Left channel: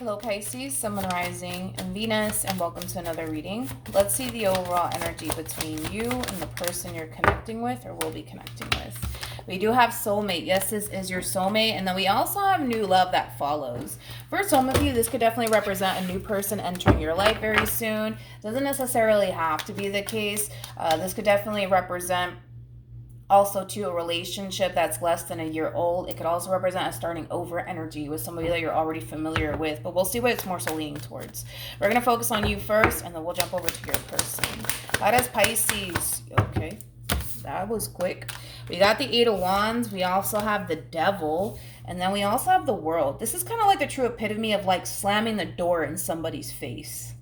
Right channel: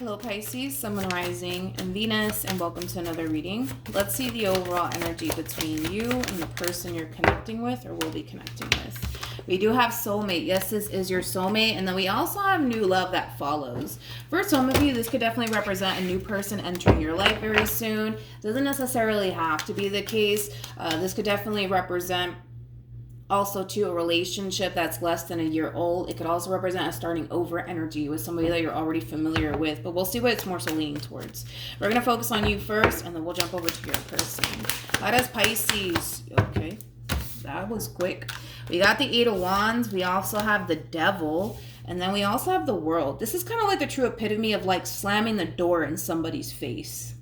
Hello Pisces, Sun, Moon, Rising, and Venus, and welcome to another reading. Let's see the overall energy between you and the person you're connecting with or will be connecting with. We do have soulmate. Yes, this is your soulmate. And then we also have new love that follows. For some of you, this could definitely represent a new person entering your life very soon. Doesn't necessarily have to be the case. This could definitely represent also to a relationship that's less than a year old. It could also represent a starting over energy with somebody that you're already familiar with, but we'll see what it's more so leaning towards. We're going to focus on you first, and then we'll jump over to your person. That is Pisces. Okay, that was quick. We got the Eight of Wands. We also have the Devil, and then we also have the World. This is kind of like the true epitome of like slamming the door in somebody's face.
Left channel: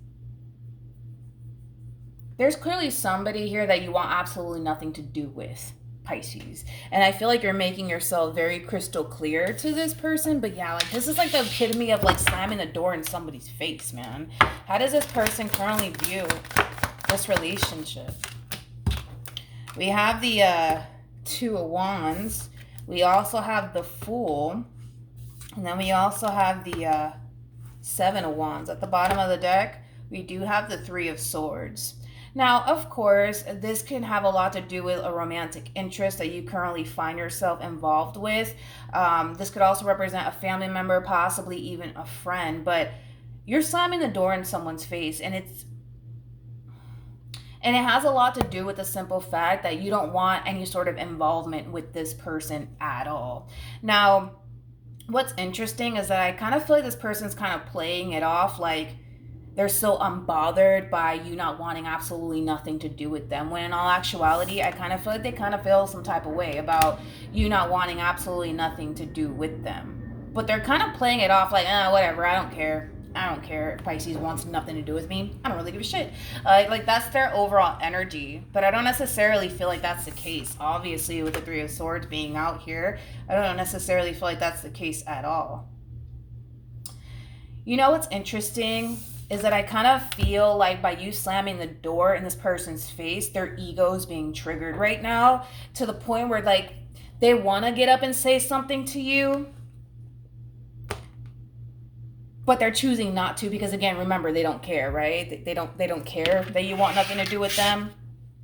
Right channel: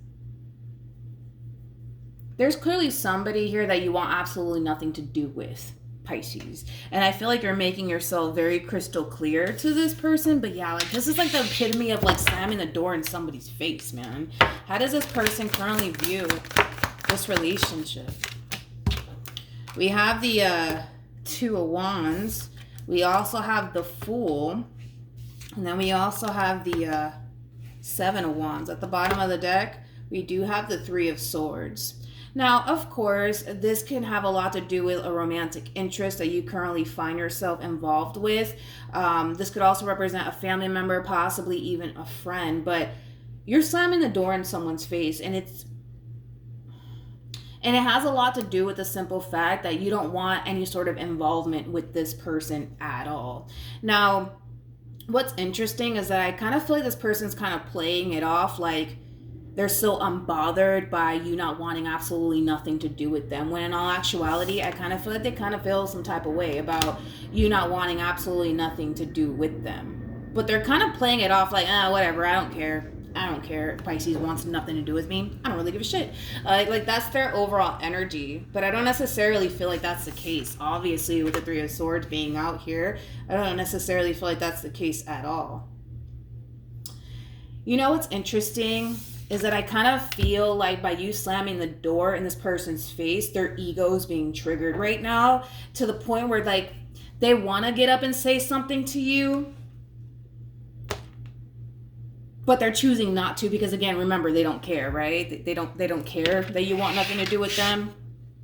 There's clearly somebody here that you want absolutely nothing to do with, Pisces. And I feel like you're making yourself very crystal clear to this person. But yeah, like this is like the epitome of like slamming the door in somebody's face, man. How does this person currently view this relationship? We have the Two of Wands. We also have the Fool. And then we also have the Seven of Wands. At the bottom of the deck, we do have the Three of Swords. Now, of course, this can have a lot to do with a romantic interest that you currently find yourself involved with. This could also represent a family member, possibly even a friend, but you're slamming the door in someone's face, and it has a lot to do with the simple fact that you don't want any sort of involvement with this person at all. Now, what's interesting is that I kind of feel like this person's kind of playing it off like they're so unbothered by you not wanting absolutely nothing to do with them. When in all actuality, I kind of feel like they kind of feel some type of way about you not wanting absolutely nothing to do with them. But they're kind of playing it off like, whatever, I don't care. I don't care. Pisces wants nothing to do with me. I don't really give a shit. Like that's their overall energy. But I don't necessarily feel like that's the case. Obviously, with the Three of Swords being out here, I don't necessarily feel like that's the case at all. You know what's interesting is that I kind of feel like by you slamming the door in this person's face, their ego is being triggered right now to the point where like they want to get up and say something to you, but they're choosing not to because, again, remember, they don't care, right? They don't care that you want nothing to do with them.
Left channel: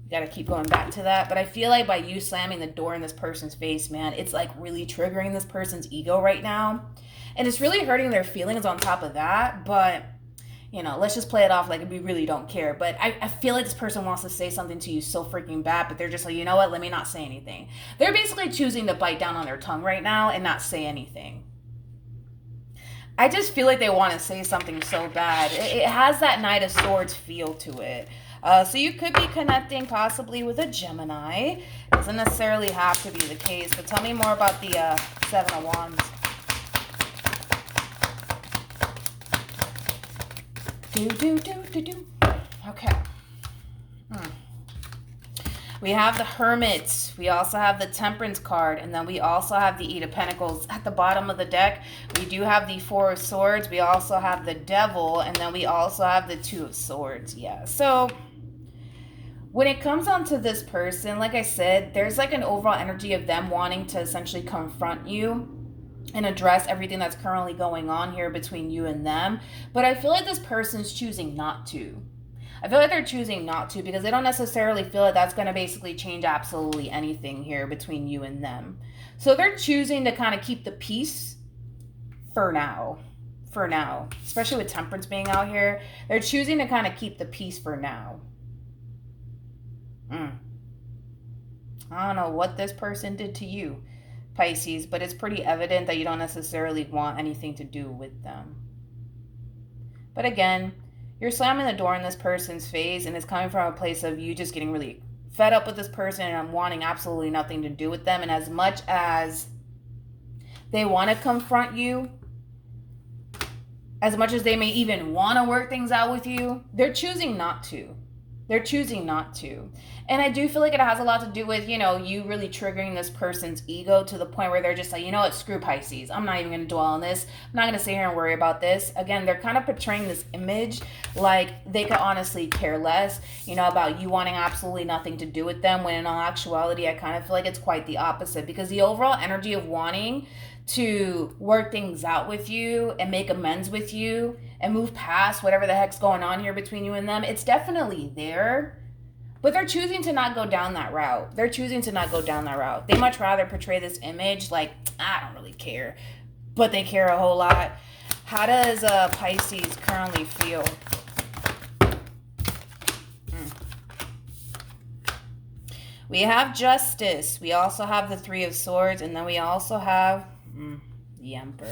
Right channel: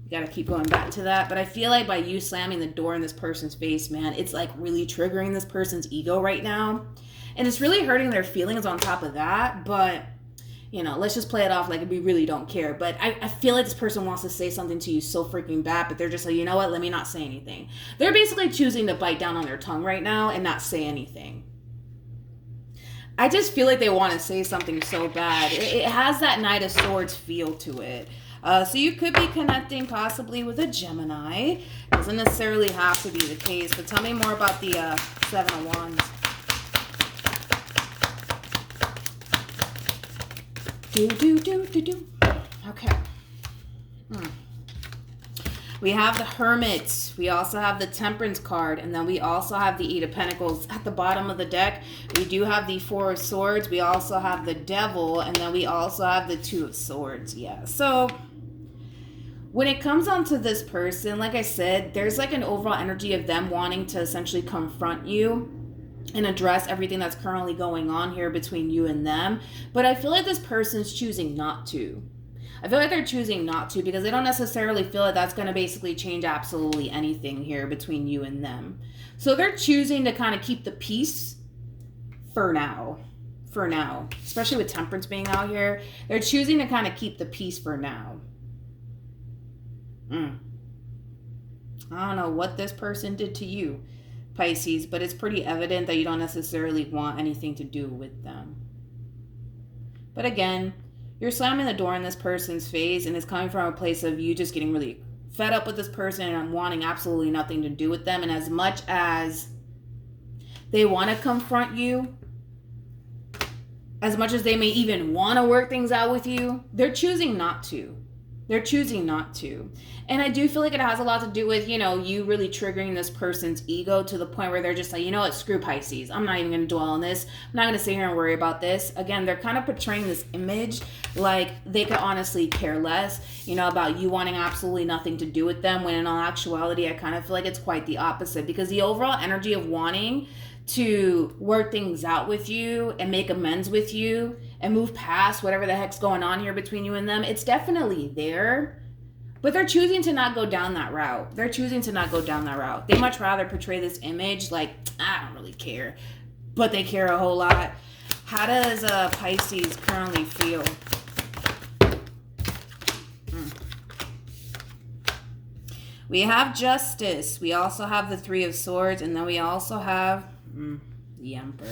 You got to keep going back to that. But I feel like by you slamming the door in this person's face, man, it's like really triggering this person's ego right now. And it's really hurting their feelings on top of that, but you know, let's just play it off like we really don't care. But I feel like this person wants to say something to you so freaking bad, but they're just like, you know what, let me not say anything. They're basically choosing to bite down on their tongue right now and not say anything. I just feel like they want to say something so bad. It has that Knight of Swords feel to it. So you could be connecting possibly with a Gemini. Doesn't necessarily have to be the case. But tell me more about the Seven of Wands. Okay. We have the Hermit. We also have the Temperance card. And then we also have the Eight of Pentacles. At the bottom of the deck, we do have the Four of Swords. We also have the Devil. And then we also have the Two of Swords. Yeah. So when it comes on to this person, like I said, there's like an overall energy of them wanting to essentially confront you and address everything that's currently going on here between you and them. But I feel like this person's choosing not to. I feel like they're choosing not to because they don't necessarily feel like that's going to basically change absolutely anything here between you and them. So they're choosing to kind of keep the peace for now. For now. Especially with Temperance being out here. They're choosing to kind of keep the peace for now. I don't know what this person did to you, Pisces, but it's pretty evident that you don't necessarily want anything to do with them. But again, you're slamming the door in this person's face, and it's coming from a place of you just getting really fed up with this person and wanting absolutely nothing to do with them. And as much as they want to confront you, as much as they may even want to work things out with you, they're choosing not to. They're choosing not to. And I do feel like it has a lot to do with, you know, you really triggering this person's ego to the point where they're just like, you know what, screw Pisces. I'm not even going to dwell on this. I'm not going to sit here and worry about this. Again, they're kind of portraying this image like they could honestly care less, you know, about you wanting absolutely nothing to do with them, when in all actuality, I kind of feel like it's quite the opposite, because the overall energy of wanting to work things out with you and make amends with you and move past whatever the heck's going on here between you and them. It's definitely there, but they're choosing to not go down that route. They're choosing to not go down that route. They much rather portray this image like, I don't really care, but they care a whole lot. How does Pisces currently feel? We have Justice. We also have the Three of Swords. And then we also have the Emperor.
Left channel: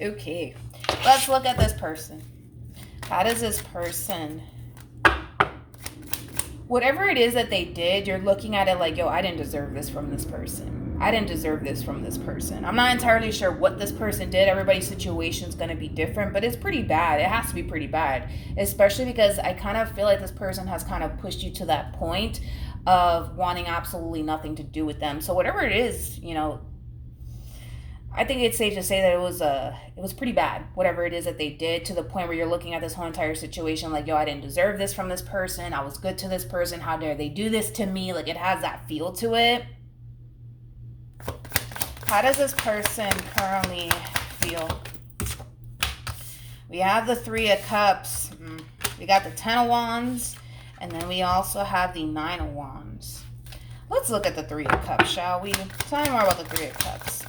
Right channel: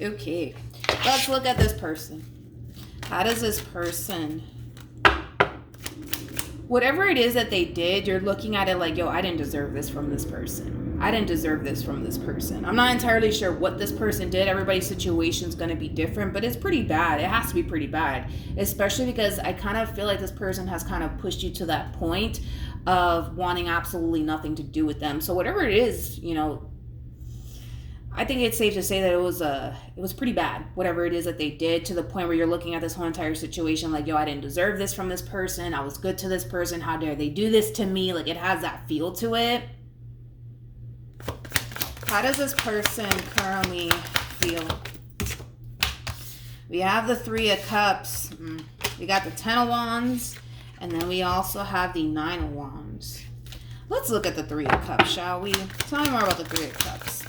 Okay. Let's look at this person. How does this person... Whatever it is that they did, you're looking at it like, yo, I didn't deserve this from this person. I didn't deserve this from this person. I'm not entirely sure what this person did. Everybody's situation is going to be different, but it's pretty bad. It has to be pretty bad, especially because I kind of feel like this person has kind of pushed you to that point of wanting absolutely nothing to do with them. So whatever it is, you know, I think it's safe to say that it was pretty bad, whatever it is that they did, to the point where you're looking at this whole entire situation like, yo, I didn't deserve this from this person. I was good to this person. How dare they do this to me? Like, it has that feel to it. How does this person currently feel? We have the Three of Cups. We got the Ten of Wands. And then we also have the Nine of Wands. Let's look at the Three of Cups, shall we? Tell me more about the Three of Cups.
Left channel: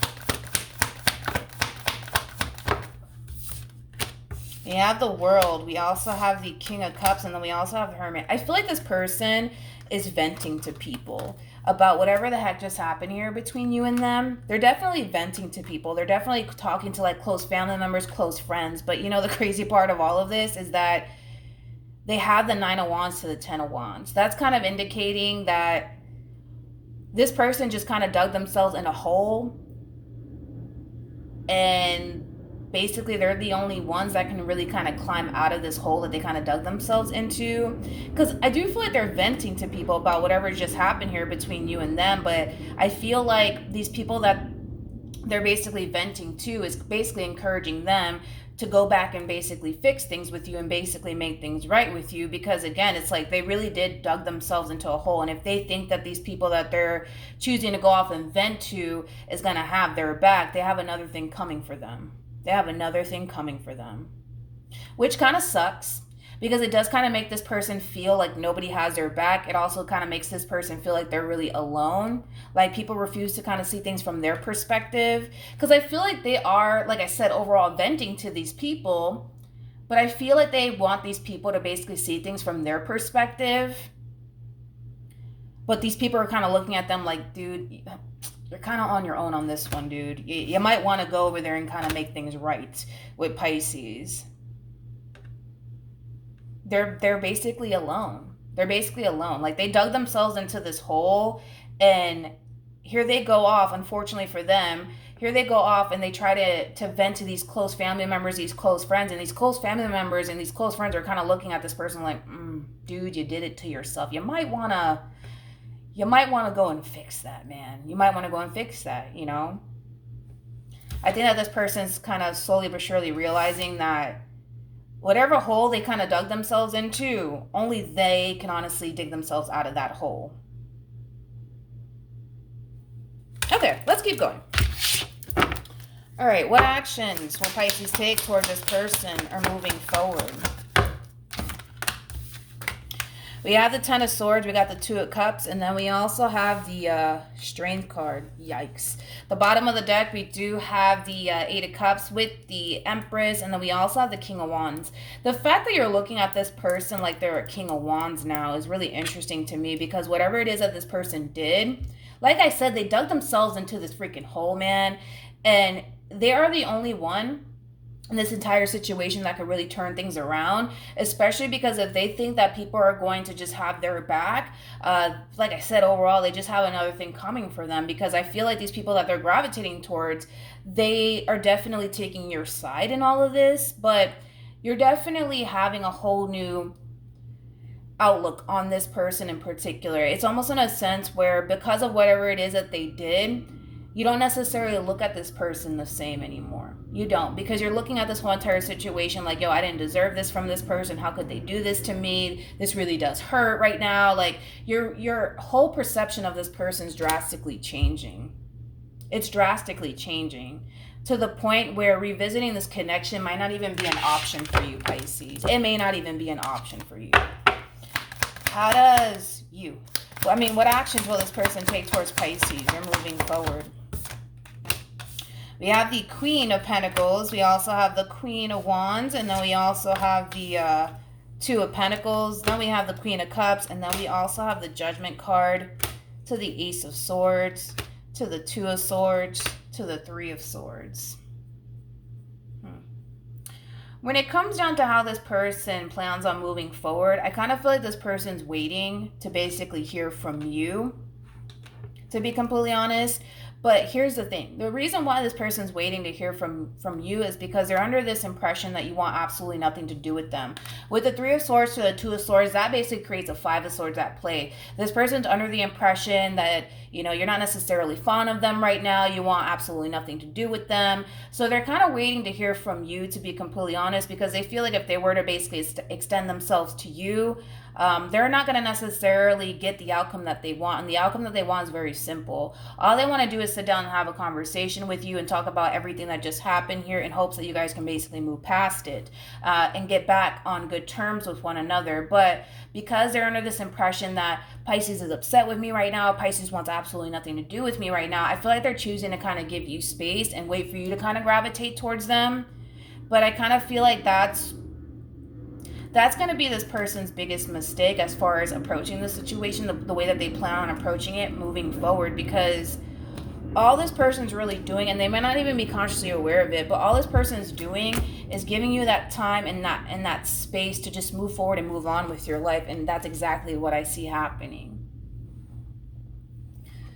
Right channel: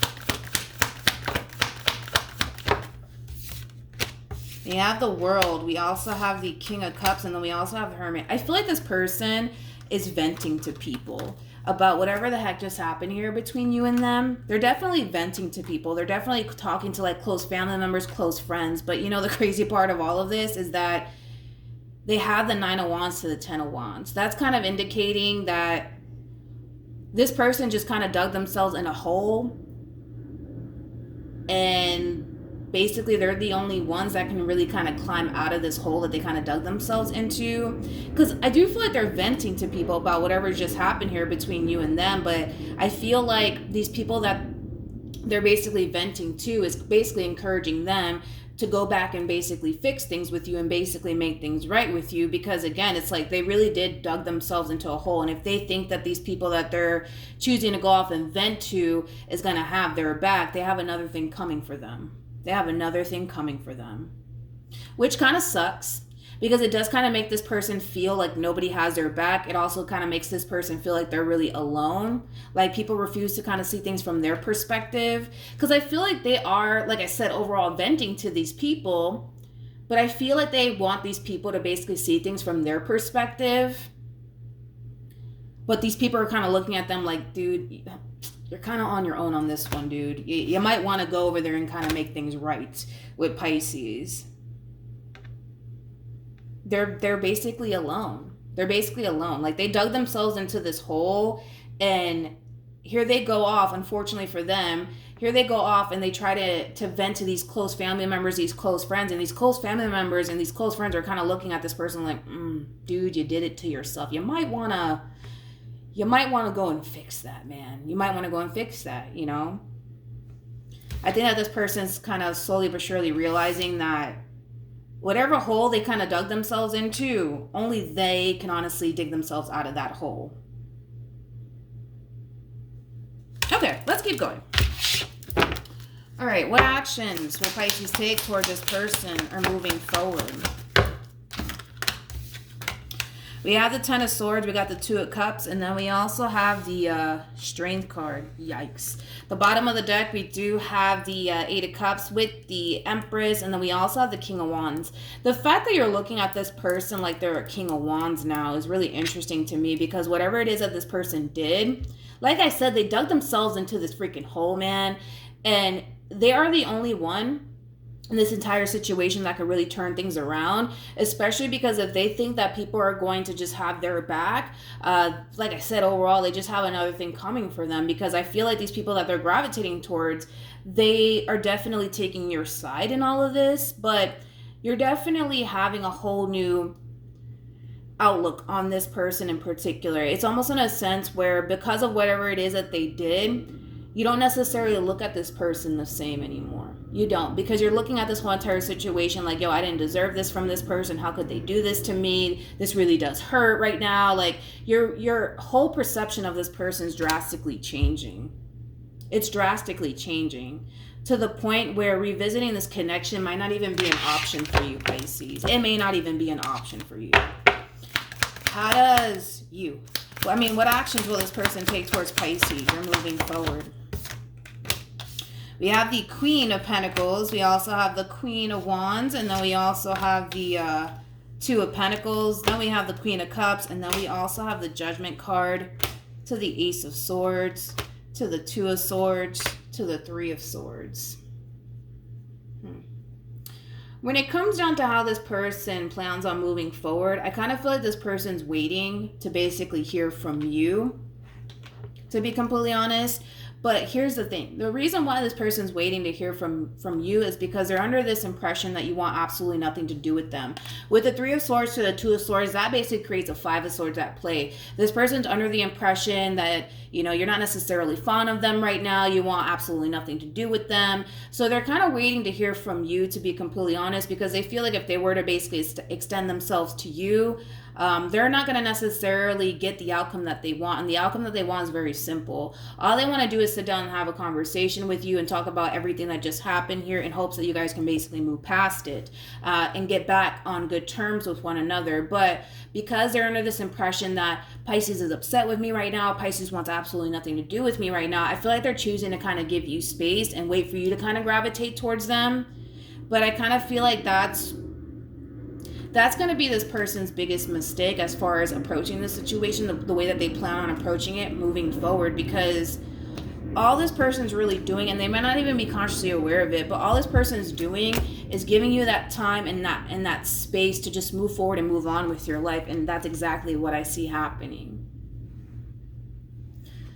We have the World. We also have the King of Cups. And then we also have the Hermit. I feel like this person is venting to people about whatever the heck just happened here between you and them. They're definitely venting to people. They're definitely talking to like close family members, close friends. But you know, the crazy part of all of this is that they have the Nine of Wands to the Ten of Wands. That's kind of indicating that this person just kind of dug themselves in a hole, and basically they're the only ones that can really kind of climb out of this hole that they kind of dug themselves into. Because I do feel like they're venting to people about whatever just happened here between you and them, but I feel like these people that they're basically venting to is basically encouraging them to go back and basically fix things with you and basically make things right with you. Because again, it's like they really did dug themselves into a hole. And if they think that these people that they're choosing to go off and vent to is going to have their back, they have another thing coming for them. They have another thing coming for them, which kind of sucks, because it does kind of make this person feel like nobody has their back. It also kind of makes this person feel like they're really alone. Like people refuse to kind of see things from their perspective. Because I feel like they are, like I said, overall venting to these people. But I feel like they want these people to basically see things from their perspective. But these people are kind of looking at them like, dude, you're kind of on your own on this one, dude. You might want to go over there and kind of make things right with Pisces. They're basically alone. They're basically alone. Like they dug themselves into this hole, and here they go off, unfortunately for them, here they go off and they try to vent to these close family members, these close friends, and these close family members and these close friends are kind of looking at this person like, dude, you did it to yourself. You might want to go and fix that, man. You might want to go and fix that, you know? I think that this person's kind of slowly but surely realizing that whatever hole they kind of dug themselves into, only they can honestly dig themselves out of that hole. Okay, let's keep going. All right, what actions will Pisces take toward this person or moving forward? We have the Ten of Swords, we got the Two of Cups, and then we also have the Strength card. Yikes. The bottom of the deck, we do have the Eight of Cups with the Empress, and then we also have the King of Wands. The fact that you're looking at this person like they're a King of Wands now is really interesting to me, because whatever it is that this person did, like I said, they dug themselves into this freaking hole, man, and they are the only one in this entire situation that could really turn things around, especially because if they think that people are going to just have their back, like I said, overall, they just have another thing coming for them, because I feel like these people that they're gravitating towards, they are definitely taking your side in all of this, but you're definitely having a whole new outlook on this person in particular. It's almost in a sense where, because of whatever it is that they did, you don't necessarily look at this person the same anymore. You don't, because you're looking at this whole entire situation like, yo, I didn't deserve this from this person. How could they do this to me? This really does hurt right now. Like your whole perception of this person is drastically changing. It's drastically changing to the point where revisiting this connection might not even be an option for you, Pisces. It may not even be an option for you. How does you? I mean, what actions will this person take towards Pisces? You're moving forward. We have the Queen of Pentacles. We also have the Queen of Wands. And then we also have the Two of Pentacles. Then we have the Queen of Cups. And then we also have the Judgment card, to the Ace of Swords, to the Two of Swords, to the Three of Swords. When it comes down to how this person plans on moving forward, I kind of feel like this person's waiting to basically hear from you, to be completely honest. But here's the thing. The reason why this person's waiting to hear from you is because they're under this impression that you want absolutely nothing to do with them. With the Three of Swords to the Two of Swords, that basically creates a Five of Swords at play. This person's under the impression that, you know, you're not necessarily fond of them right now. You want absolutely nothing to do with them. So they're kind of waiting to hear from you, to be completely honest, because they feel like if they were to basically extend themselves to you, they're not going to necessarily get the outcome that they want. And the outcome that they want is very simple. All they want to do is sit down and have a conversation with you and talk about everything that just happened here in hopes that you guys can basically move past it and get back on good terms with one another. But because they're under this impression that Pisces is upset with me right now, Pisces wants absolutely nothing to do with me right now, I feel like they're choosing to kind of give you space and wait for you to kind of gravitate towards them. But I kind of feel like that's going to be this person's biggest mistake as far as approaching the situation, the way that they plan on approaching it moving forward, because all this person's really doing, and they might not even be consciously aware of it, but all this person's doing is giving you that time and that space to just move forward and move on with your life. And that's exactly what I see happening.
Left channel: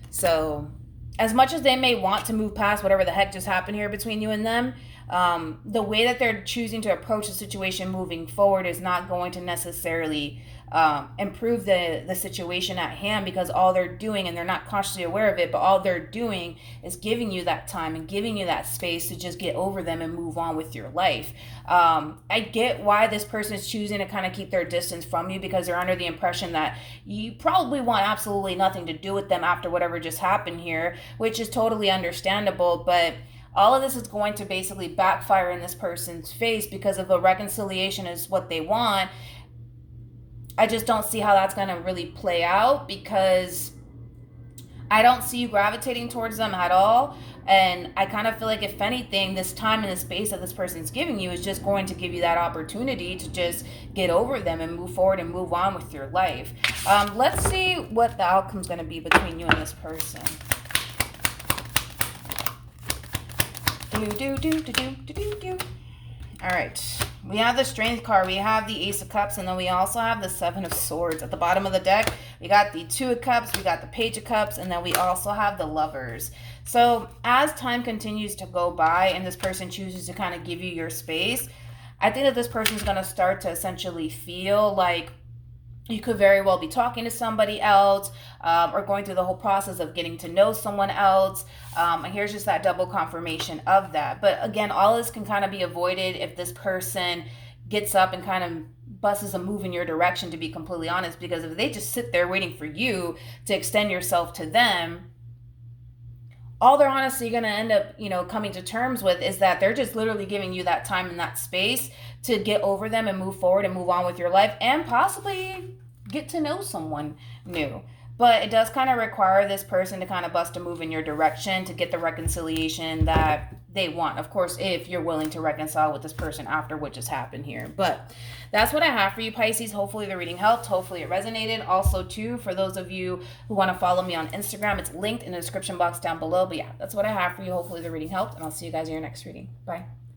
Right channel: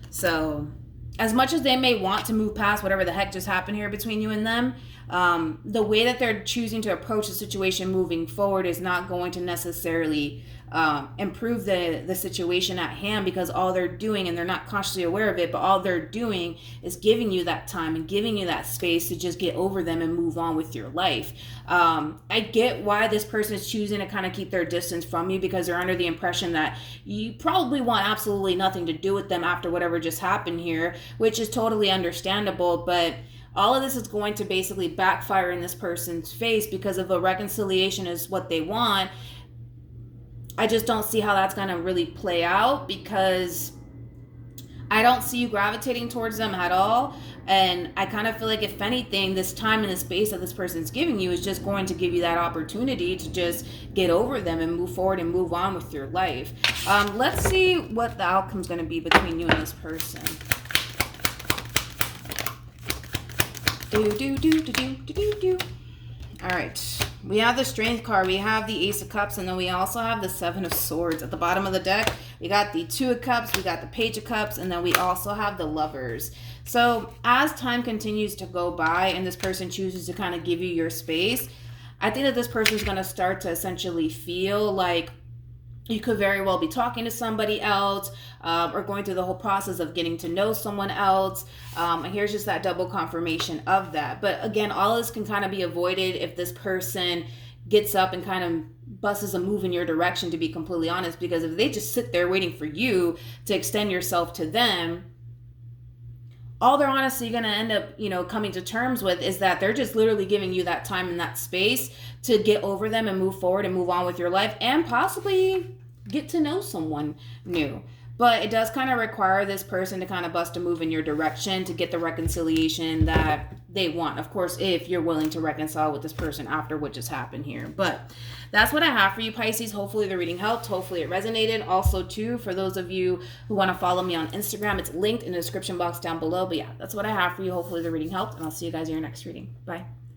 So as much as they may want to move past whatever the heck just happened here between you and them, the way that they're choosing to approach the situation moving forward is not going to necessarily improve the situation at hand, because all they're doing, and they're not consciously aware of it, but all they're doing is giving you that time and giving you that space to just get over them and move on with your life. I get why this person is choosing to kind of keep their distance from you, because they're under the impression that you probably want absolutely nothing to do with them after whatever just happened here, which is totally understandable. But all of this is going to basically backfire in this person's face, because if a reconciliation is what they want, I just don't see how that's going to really play out, because I don't see you gravitating towards them at all. And I kind of feel like, if anything, this time and the space that this person's giving you is just going to give you that opportunity to just get over them and move forward and move on with your life. Let's see what the outcome's going to be between you and this person. All right, we have the Strength card, we have the Ace of Cups, and then we also have the Seven of Swords. At the bottom of the deck, we got the Two of Cups, we got the Page of Cups, and then we also have the Lovers. So as time continues to go by and this person chooses to kind of give you your space, I think that this person is going to start to essentially feel like you could very well be talking to somebody else, or going through the whole process of getting to know someone else. And here's just that double confirmation of that. But again, all this can kind of be avoided if this person gets up and kind of busts a move in your direction, to be completely honest. Because if they just sit there waiting for you to extend yourself to them, all they're honestly going to end up, coming to terms with is that they're just literally giving you that time and that space to get over them and move forward and move on with your life, and possibly get to know someone new. But it does kind of require this person to kind of bust a move in your direction to get the reconciliation that they want. Of course, if you're willing to reconcile with this person after what just happened here. But that's what I have for you, Pisces. Hopefully the reading helped. Hopefully it resonated. Also, too, for those of you who want to follow me on Instagram, it's linked in the description box down below. But yeah, that's what I have for you. Hopefully the reading helped, and I'll see you guys in your next reading. Bye.